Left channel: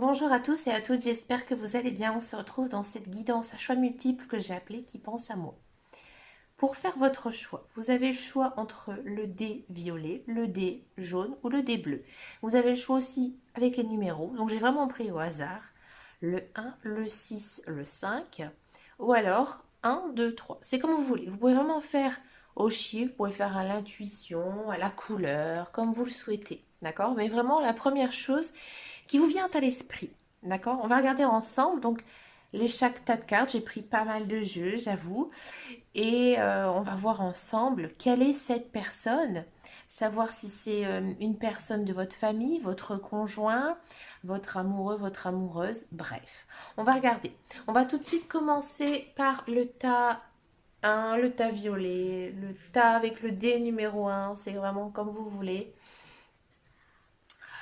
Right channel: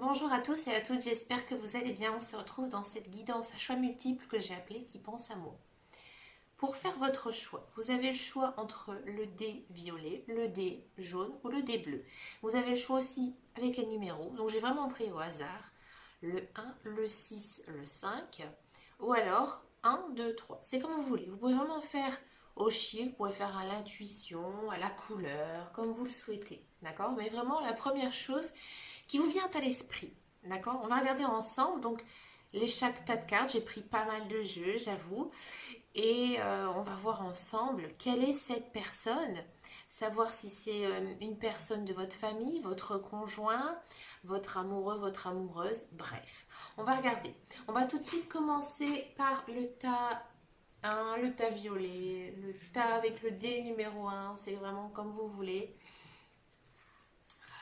Bonjour à tous et à toutes, j'espère que vous allez bien. On se retrouve dans cette guidance à choix multiples que j'ai appelée Qui pense à moi. Pour faire votre choix, vous avez le choix entre le dé violet, le dé jaune ou le dé bleu. Vous avez le choix aussi avec les numéros, donc j'ai vraiment pris au hasard le 1, le 6, le 5 ou alors 1, 2, 3. C'est comme vous voulez. Vous pouvez vraiment faire au chiffre, vous pouvez faire à l'intuition, à la couleur, comme vous le souhaitez. D'accord? Mais vraiment la première chose qui vous vient à l'esprit. D'accord? On va regarder ensemble. Donc, chaque tas de cartes, j'ai pris pas mal de jeux, j'avoue. Et on va voir ensemble quelle est cette personne. Savoir si c'est une personne de votre famille, votre conjoint, votre amoureux, votre amoureuse. Bref, on va regarder. On va tout de suite commencer par le tas 1, le tas violet, le tas avec le dé numéro 1. C'est vraiment comme vous voulez.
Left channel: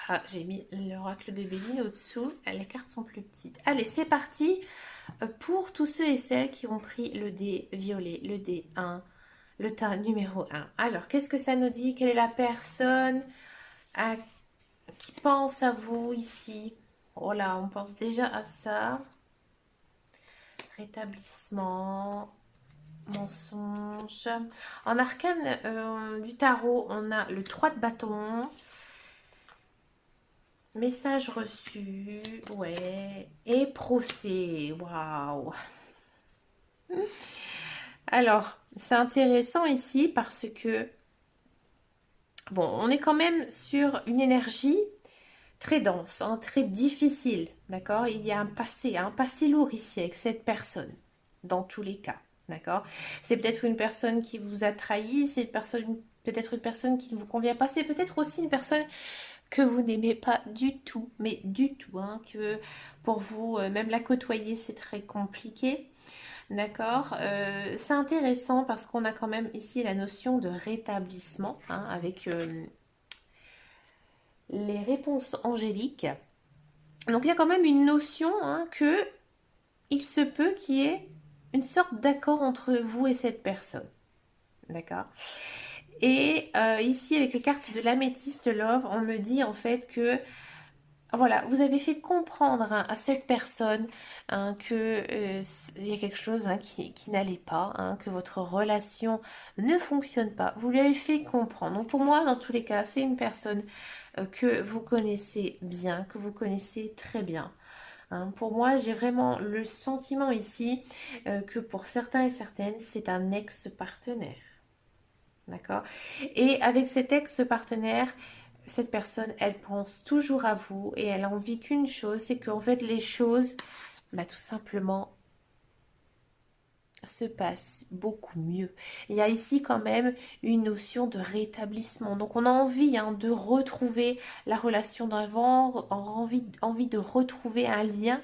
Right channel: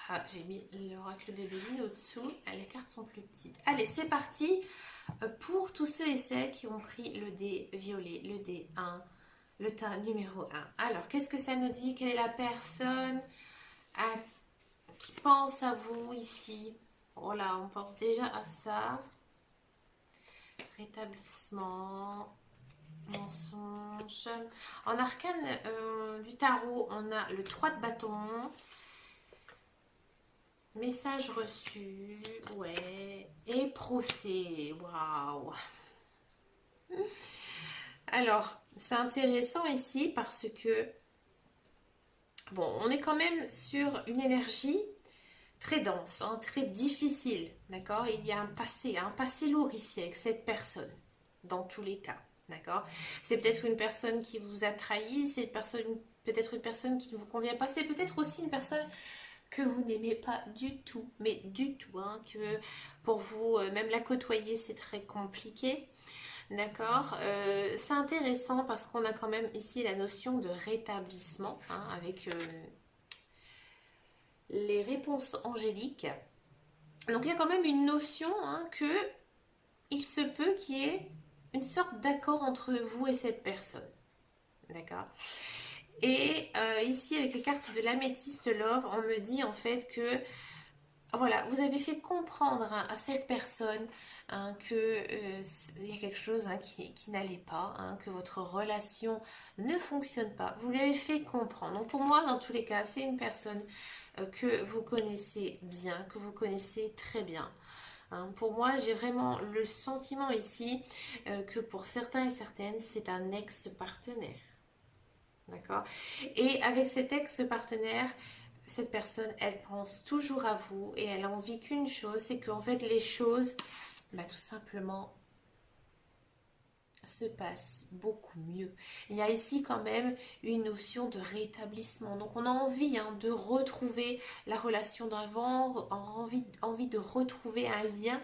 Ah, j'ai mis l'oracle de Béline au-dessous. Les cartes sont plus petites. Allez, c'est parti pour tous ceux et celles qui ont pris le dé violet, le dé 1, le tas numéro 1. Alors, qu'est-ce que ça nous dit? Quelle est la personne à- qui pense à vous ici? Oh là, on pense déjà à ça. Rétablissement, mensonge. En arcane du tarot, on a le 3 de bâton. Message reçu, ouais. Et procès, waouh. Alors, c'est intéressant ici parce que, bon, on est quand même sur une énergie très dense, hein, très difficile, d'accord? Il y a un passé lourd ici avec cette personne, dans tous les cas, d'accord? C'est peut-être une personne qui vous a trahi, c'est peut-être une personne qui ne vous convient pas, c'est peut-être aussi une personne que vous n'aimez pas du tout, mais du tout, hein, que pour vous, même la côtoyer, c'est très compliqué. D'accord. C'est intéressant parce qu'on a quand même ici la notion de rétablissement, hein, avec les réponses angéliques. Donc il y a quand même une notion, hein, que il se peut qu'il y ait une sorte d'accord entre vous et cette personne. D'accord. Et ici, avec les cartes de l'améthyste love, on me dit en fait que voilà, vous avez fait comprendre, hein, à cette personne, hein, que il y a quelque chose, hein, qui n'allait pas, hein, que votre relation ne fonctionne pas. Vous lui avez fait comprendre. Donc pour moi, dans tous les cas, c'est une personne que vous connaissez bien, que vous connaissez très bien. Hein. Pour moi, j'ai vraiment le sentiment ici que pour certains et certaines, c'est un ex-partenaire. D'accord? Et avec cet ex-partenaire, cette personne, elle pense toujours à vous et elle a envie qu'une chose, c'est qu'en fait les choses, bah, tout simplement, se passent beaucoup mieux. Il y a ici quand même une notion de rétablissement. Donc on a envie, hein, de retrouver la relation d'avant, envie de retrouver un lien,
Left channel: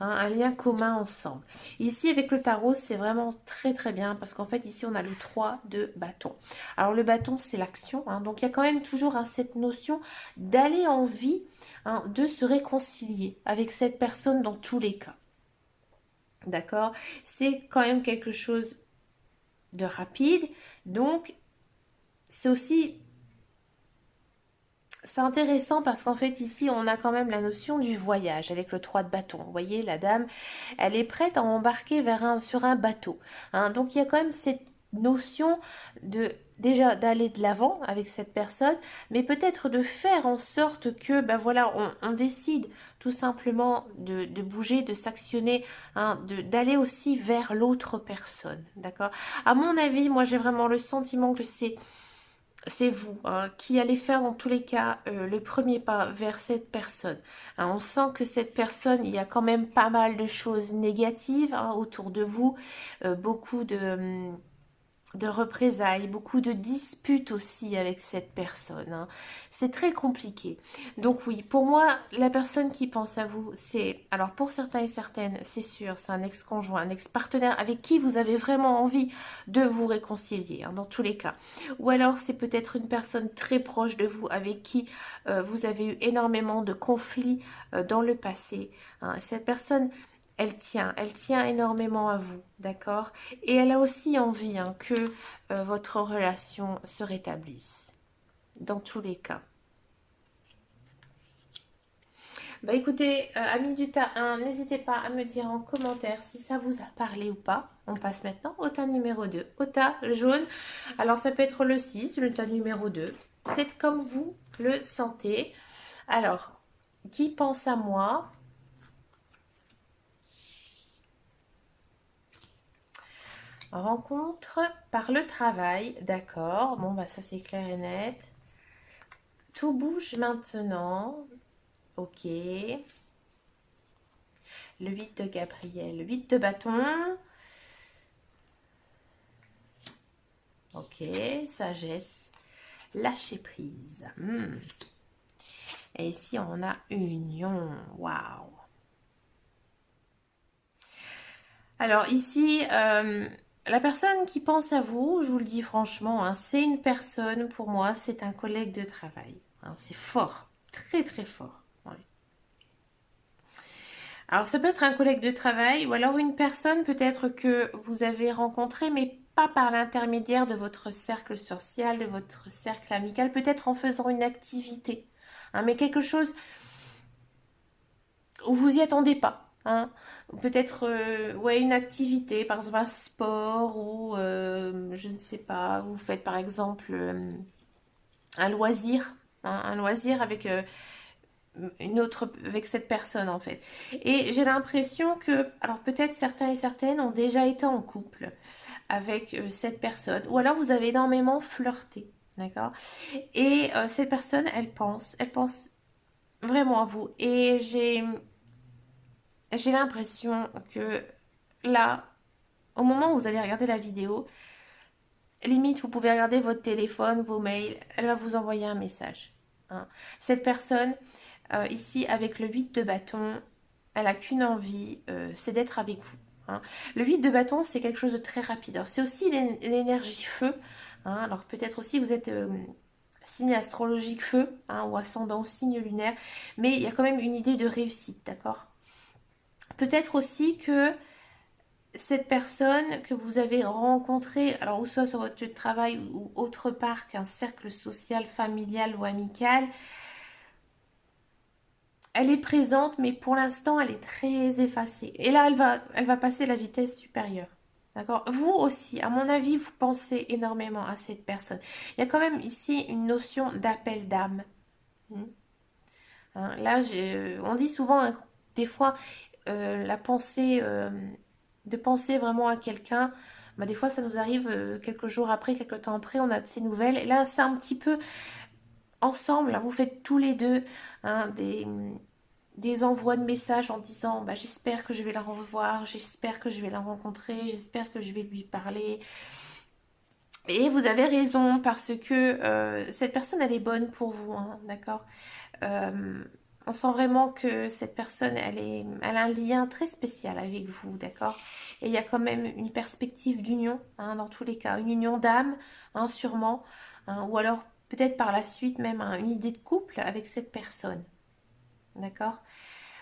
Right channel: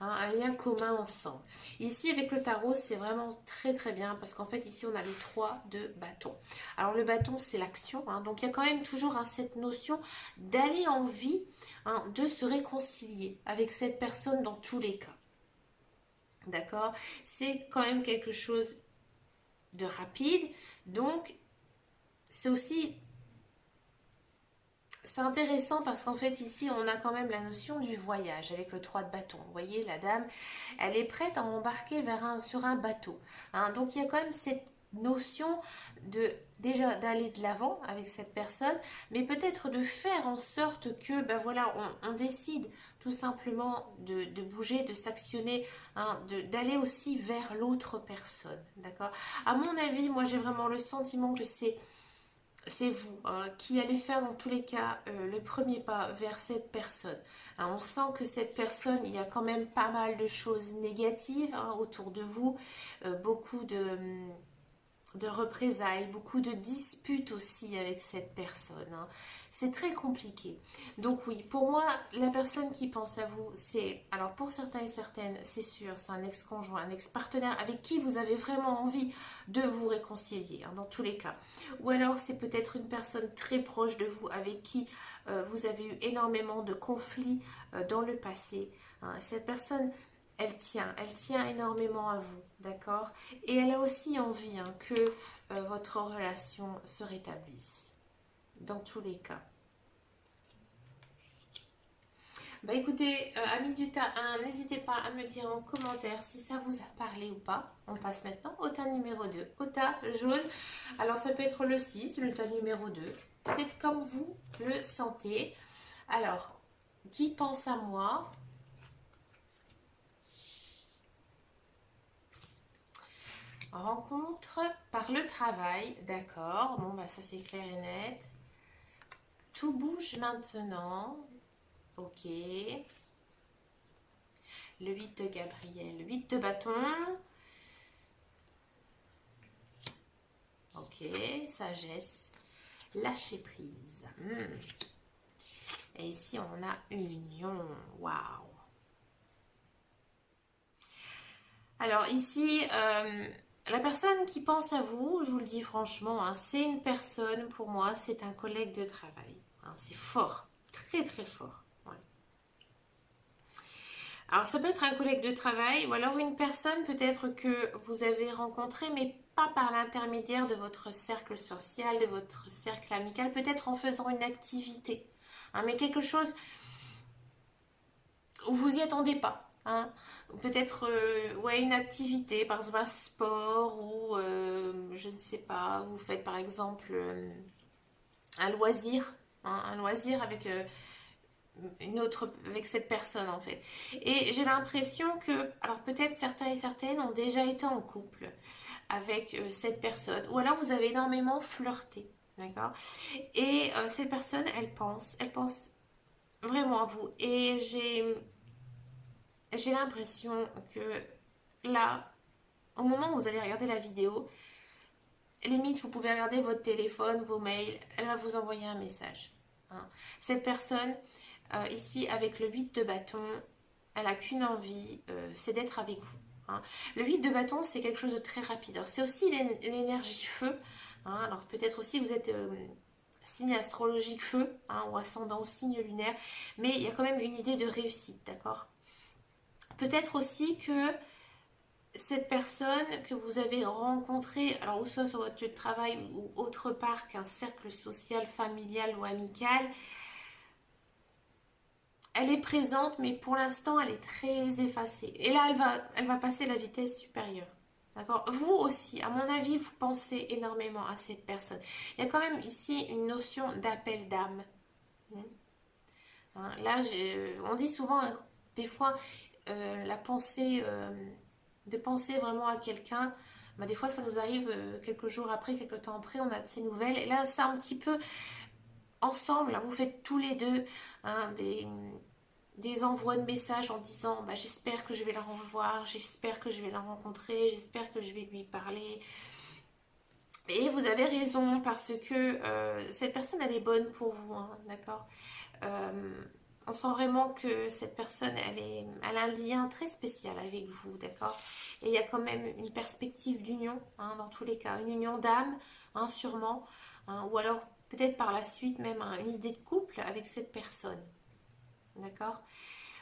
hein, un lien commun ensemble. Ici, avec le tarot, c'est vraiment très très bien parce qu'en fait, ici, on a le 3 de bâton. Alors, le bâton, c'est l'action, hein, donc il y a quand même toujours, hein, cette notion d'aller en vie, hein, de se réconcilier avec cette personne dans tous les cas. D'accord? C'est quand même quelque chose de rapide, donc c'est aussi c'est intéressant parce qu'en fait ici on a quand même la notion du voyage avec le 3 de bâton. Vous voyez, la dame, elle est prête à embarquer sur un bateau. Hein. Donc il y a quand même cette notion de déjà d'aller de l'avant avec cette personne, mais peut-être de faire en sorte que ben voilà, on décide tout simplement de bouger, de s'actionner, hein, d'aller aussi vers l'autre personne. D'accord? À mon avis, moi j'ai vraiment le sentiment que c'est vous, hein, qui allez faire en tous les cas le premier pas vers cette personne. Hein, on sent que cette personne, il y a quand même pas mal de choses négatives, hein, autour de vous, beaucoup de représailles, beaucoup de disputes aussi avec cette personne. Hein. C'est très compliqué. Donc oui, pour moi, la personne qui pense à vous, c'est, alors pour certains et certaines, c'est sûr, c'est un ex-conjoint, un ex-partenaire avec qui vous avez vraiment envie de vous réconcilier, hein, dans tous les cas. Ou alors c'est peut-être une personne très proche de vous avec qui vous avez eu énormément de conflits dans le passé. Hein. Cette personne, elle tient énormément à vous, d'accord? Et elle a aussi envie, hein, que votre relation se rétablisse, dans tous les cas. Bah écoutez, amis du tas 1, n'hésitez pas à me dire en commentaire si ça vous a parlé ou pas. On passe maintenant au tas numéro 2, au tas jaune. Alors ça peut être le 6, le tas numéro 2. C'est comme vous le sentez. Alors, qui pense à moi? Rencontre par le travail, d'accord. Bon, bah ça c'est clair et net. Tout bouge maintenant. Ok. Le 8 de Gabriel, le 8 de bâton. Ok, sagesse. Lâcher prise. Et ici, on a union. Waouh. Alors ici, la personne qui pense à vous, je vous le dis franchement, hein, c'est une personne, pour moi, c'est un collègue de travail. Hein, c'est fort, très très fort. Ouais. Alors ça peut être un collègue de travail ou alors une personne peut-être que vous avez rencontrée, mais pas par l'intermédiaire de votre cercle social, de votre cercle amical, peut-être en faisant une activité. Hein, mais quelque chose où vous y attendez pas. Hein. Peut-être ouais, une activité, par exemple un sport ou je ne sais pas, vous faites par exemple un loisir, hein, un loisir avec une autre, avec cette personne en fait. Et j'ai l'impression que, alors peut-être certains et certaines ont déjà été en couple avec cette personne, ou alors vous avez énormément flirté, d'accord. Et cette personne, elle pense vraiment à vous. Et j'ai l'impression que là, au moment où vous allez regarder la vidéo, limite, vous pouvez regarder votre téléphone, vos mails, elle va vous envoyer un message. Hein. Cette personne, ici, avec le 8 de bâton, elle n'a qu'une envie, c'est d'être avec vous. Hein. Le 8 de bâton, c'est quelque chose de très rapide. C'est aussi l'énergie feu. Hein. Alors peut-être aussi vous êtes signe astrologique feu, hein, ou ascendant au signe lunaire, mais il y a quand même une idée de réussite, d'accord. Peut-être aussi que cette personne que vous avez rencontrée, alors ou soit sur votre lieu de travail ou autre part qu'un cercle social, familial ou amical, elle est présente, mais pour l'instant, elle est très effacée. Et là, elle va passer la vitesse supérieure. D'accord. Vous aussi, à mon avis, vous pensez énormément à cette personne. Il y a quand même ici une notion d'appel d'âme. Hein, là, on dit souvent, hein, des fois, la pensée, de penser vraiment à quelqu'un, bah, des fois, ça nous arrive quelques jours après, quelques temps après, on a de ces nouvelles. Et là, c'est un petit peu ensemble, là, vous faites tous les deux hein, des envois de messages en disant bah, j'espère que je vais la revoir, j'espère que je vais la rencontrer, j'espère que je vais lui parler. Et vous avez raison parce que cette personne elle est bonne pour vous, hein, d'accord. Euh, on sent vraiment que cette personne elle a un lien très spécial avec vous, d'accord. Et il y a quand même une perspective d'union, hein, dans tous les cas, une union d'âme, hein, sûrement, hein, ou alors peut-être par la suite même hein, une idée de couple avec cette personne, d'accord.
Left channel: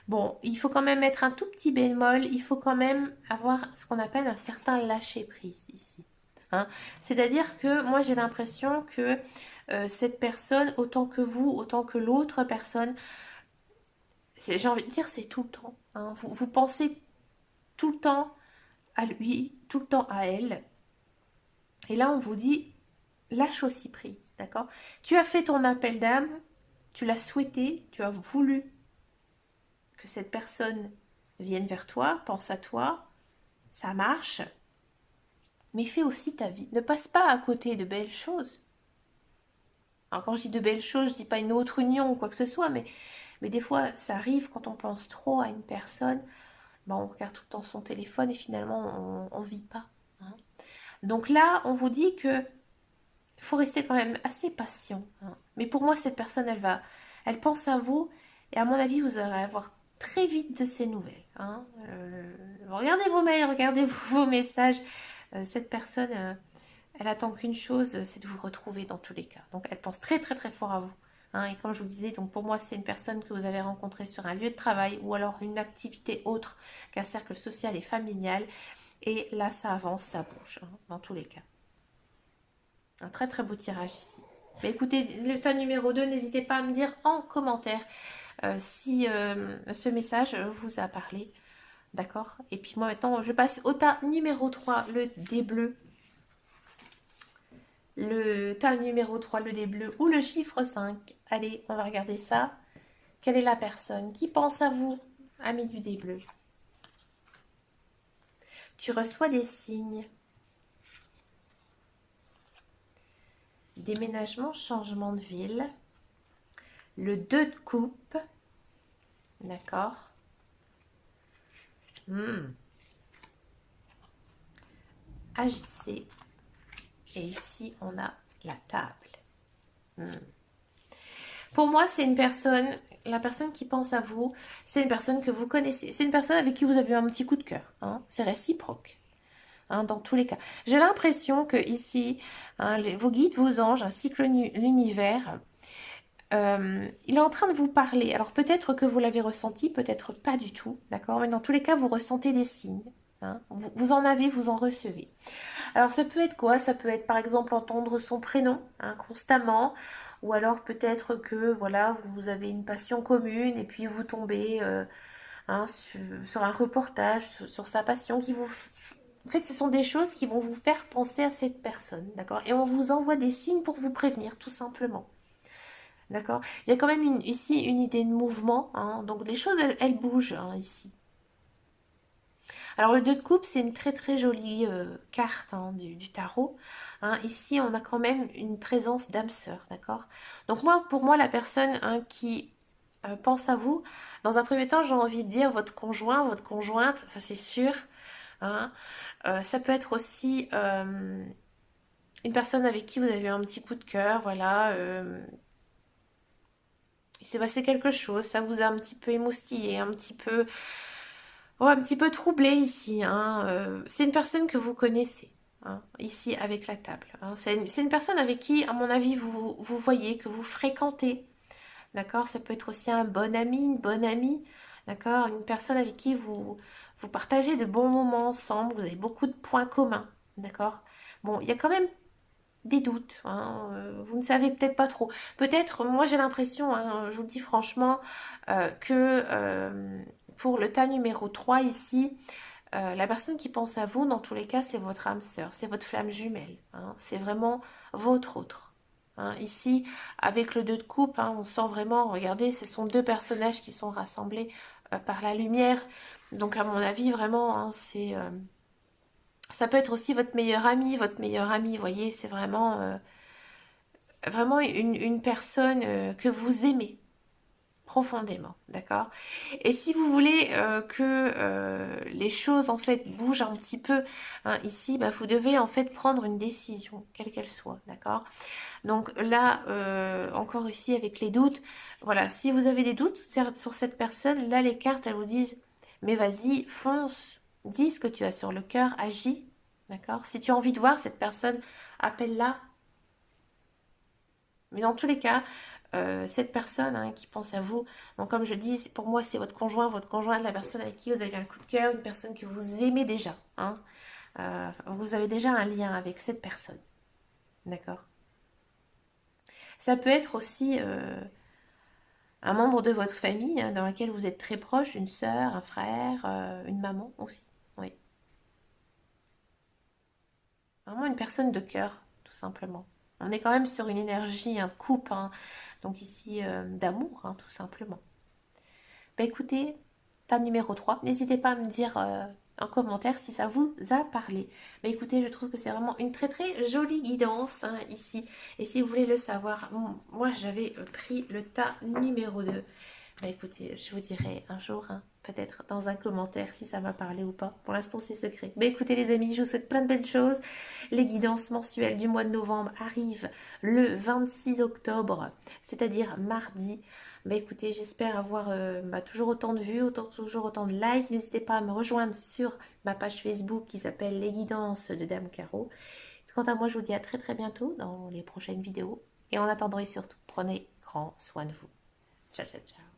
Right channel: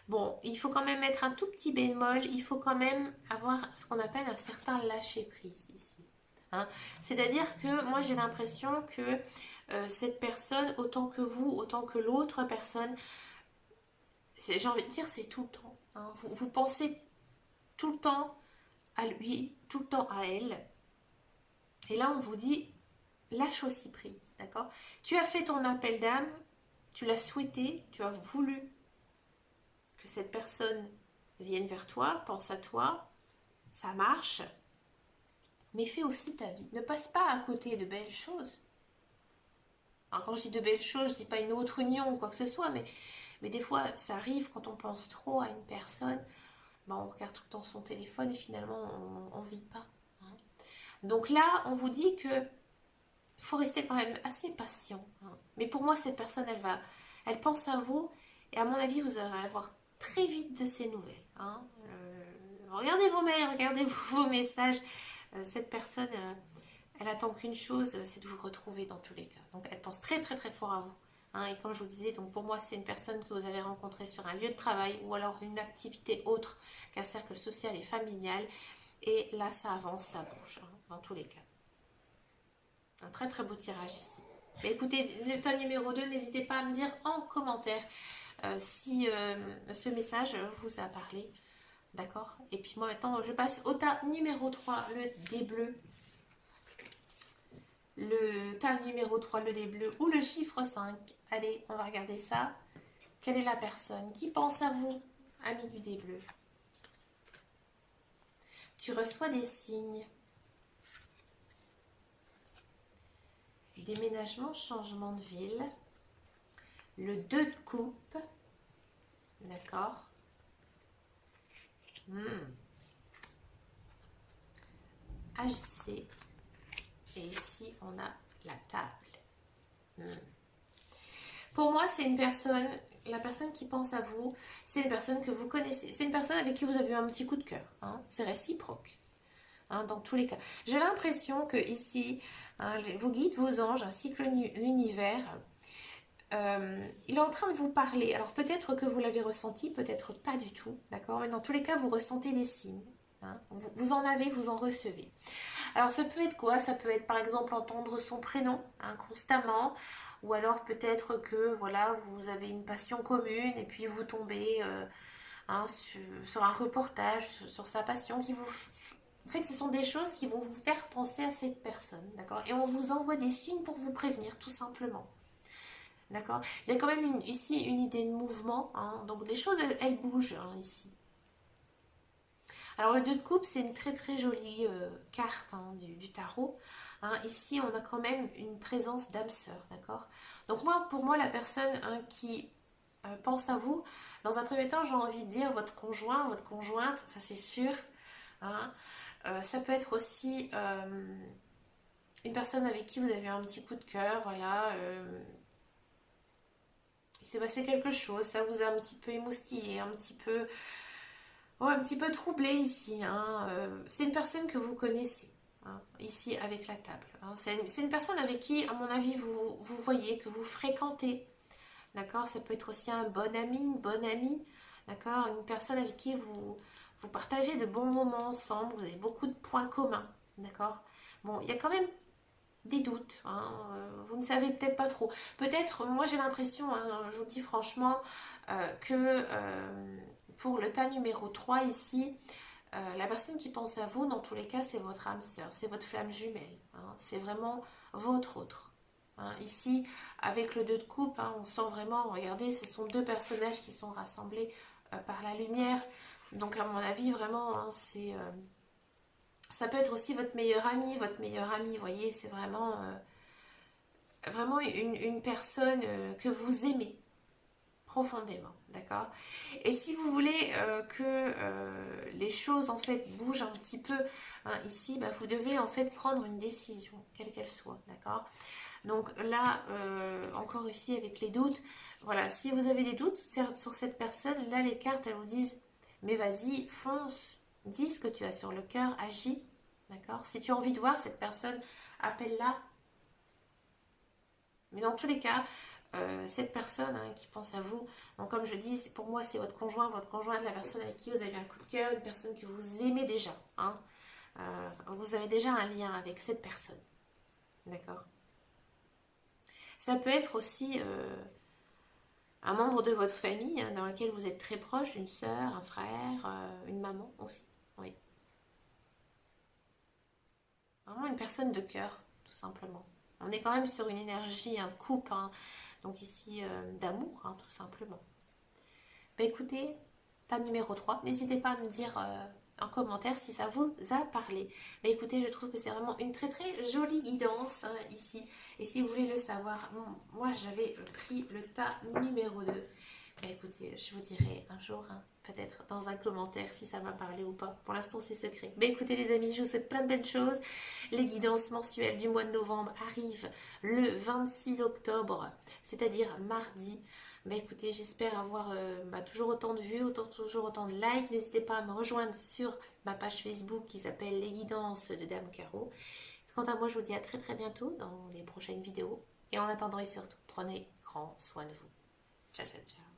Bon, il faut quand même mettre un tout petit bémol, il faut quand même avoir ce qu'on appelle un certain lâcher-prise ici. Hein. C'est-à-dire que moi j'ai l'impression que cette personne, autant que vous, autant que l'autre personne, j'ai envie de dire c'est tout le temps. Hein. Vous pensez tout le temps à lui, tout le temps à elle. Et là on vous dit lâche aussi prise, d'accord. Tu as fait ton appel d'âme, tu l'as souhaité, tu as voulu que cette personne vienne vers toi, pense à toi, ça marche, mais fais aussi ta vie. Ne passe pas à côté de belles choses. Alors quand je dis de belles choses, je dis pas une autre union ou quoi que ce soit, mais des fois ça arrive quand on pense trop à une personne, ben on regarde tout le temps son téléphone et finalement on vit pas. Hein. Donc là, on vous dit que faut rester quand même assez patient. Hein. Mais pour moi, cette personne, elle pense à vous et à mon avis, vous allez avoir très vite de ces nouvelles. Hein. Regardez vos mails, regardez vos messages. Cette personne, elle attend qu'une chose, c'est de vous retrouver dans tous les cas. Donc, elle pense très très très fort à vous. Hein. Et comme je vous disais, donc pour moi, c'est une personne que vous avez rencontrée sur un lieu de travail ou alors une activité autre qu'un cercle social et familial. Et là, ça avance, ça bouge, hein, dans tous les cas. Un très très beau tirage ici. Mais écoutez, le tas numéro 2, n'hésitez pas à me dire en commentaire si ce message vous a parlé. D'accord? Et puis moi maintenant, je passe au tas numéro 3, le dé bleu. Le tas numéro 3, le dé bleu ou le chiffre 5. Allez, on va regarder ça. Quelle est la personne qui pense à vous, ami du dé bleu? Tu reçois des signes. Déménagement, changement de ville. Le 2 de coupe. D'accord. Agissez. Et ici, on a la table. Pour moi, c'est une personne, la personne qui pense à vous, c'est une personne que vous connaissez. C'est une personne avec qui vous avez eu un petit coup de cœur. Hein. C'est réciproque. Hein, dans tous les cas. J'ai l'impression que ici, hein, vos guides, vos anges, ainsi que l'univers, il est en train de vous parler. Alors peut-être que vous l'avez ressenti, peut-être pas du tout, d'accord? Mais dans tous les cas, vous ressentez des signes. Hein. Vous en avez, vous en recevez. Alors ça peut être quoi? Ça peut être par exemple entendre son prénom hein, constamment, ou alors peut-être que voilà, vous avez une passion commune et puis vous tombez hein, sur un reportage sur sa passion qui vous... En fait, ce sont des choses qui vont vous faire penser à cette personne, d'accord? Et on vous envoie des signes pour vous prévenir, tout simplement. D'accord? Il y a quand même ici une idée de mouvement, hein, donc les choses, elles bougent hein, ici. Alors le 2 de coupe, c'est une très très jolie carte hein, du tarot. Hein. Ici, on a quand même une présence d'âme sœur, d'accord? Donc moi, pour moi, la personne hein, qui pense à vous, dans un premier temps, j'ai envie de dire votre conjoint, votre conjointe, ça c'est sûr. Hein. Ça peut être aussi une personne avec qui vous avez eu un petit coup de cœur, voilà. Il s'est passé quelque chose, ça vous a un petit peu émoustillé, un petit peu, ouais, un petit peu troublé ici. Hein. C'est une personne que vous connaissez, hein, ici avec la table. Hein. C'est une personne avec qui, à mon avis, vous voyez, que vous fréquentez. D'accord? Ça peut être aussi un bon ami, une bonne amie. D'accord? Une personne avec qui vous partagez de bons moments ensemble, vous avez beaucoup de points communs. D'accord? Bon, il y a quand même des doutes. Hein, vous ne savez peut-être pas trop. Peut-être, moi j'ai l'impression, hein, je vous dis franchement, que pour le tas numéro 3 ici, la personne qui pense à vous, dans tous les cas, c'est votre âme sœur, c'est votre flamme jumelle. Hein, c'est vraiment votre autre. Hein, ici, avec le 2 de coupe, hein, on sent vraiment, regardez, ce sont deux personnages qui sont rassemblés par la lumière. Donc à mon avis, vraiment, hein, c'est... ça peut être aussi votre meilleur ami, vous voyez, c'est vraiment, vraiment une personne que vous aimez profondément, d'accord? Et si vous voulez que les choses en fait bougent un petit peu hein, ici, bah, vous devez en fait prendre une décision, quelle qu'elle soit, d'accord? Donc là, encore ici avec les doutes, voilà, si vous avez des doutes sur cette personne, là les cartes elles vous disent, mais vas-y, fonce, dis ce que tu as sur le cœur, agis, d'accord? Si tu as envie de voir cette personne, appelle-la. Mais dans tous les cas, cette personne hein, qui pense à vous, donc comme je dis, pour moi c'est votre conjoint, la personne avec qui vous avez un coup de cœur, une personne que vous aimez déjà. Hein. Vous avez déjà un lien avec cette personne. D'accord? Ça peut être aussi un membre de votre famille hein, dans lequel vous êtes très proche, une sœur, un frère, une maman aussi. Oui. Vraiment une personne de cœur, tout simplement. On est quand même sur une énergie, un couple, hein, donc ici d'amour, hein, tout simplement. Bah écoutez, tas numéro 3. N'hésitez pas à me dire en commentaire si ça vous a parlé. Bah écoutez, je trouve que c'est vraiment une très très jolie guidance hein, ici. Et si vous voulez le savoir, moi j'avais pris le tas numéro 2. Bah écoutez, je vous dirai un jour, hein, peut-être dans un commentaire si ça m'a parlé ou pas. Pour l'instant, c'est secret. Bah écoutez les amis, je vous souhaite plein de belles choses. Les guidances mensuelles du mois de novembre arrivent le 26 octobre, c'est-à-dire mardi. Bah écoutez, j'espère avoir toujours autant de vues, toujours autant de likes. N'hésitez pas à me rejoindre sur ma page Facebook qui s'appelle Les Guidances de Dame Caro. Quant à moi, je vous dis à très très bientôt dans les prochaines vidéos. Et en attendant et surtout, prenez grand soin de vous. Ciao, ciao, ciao.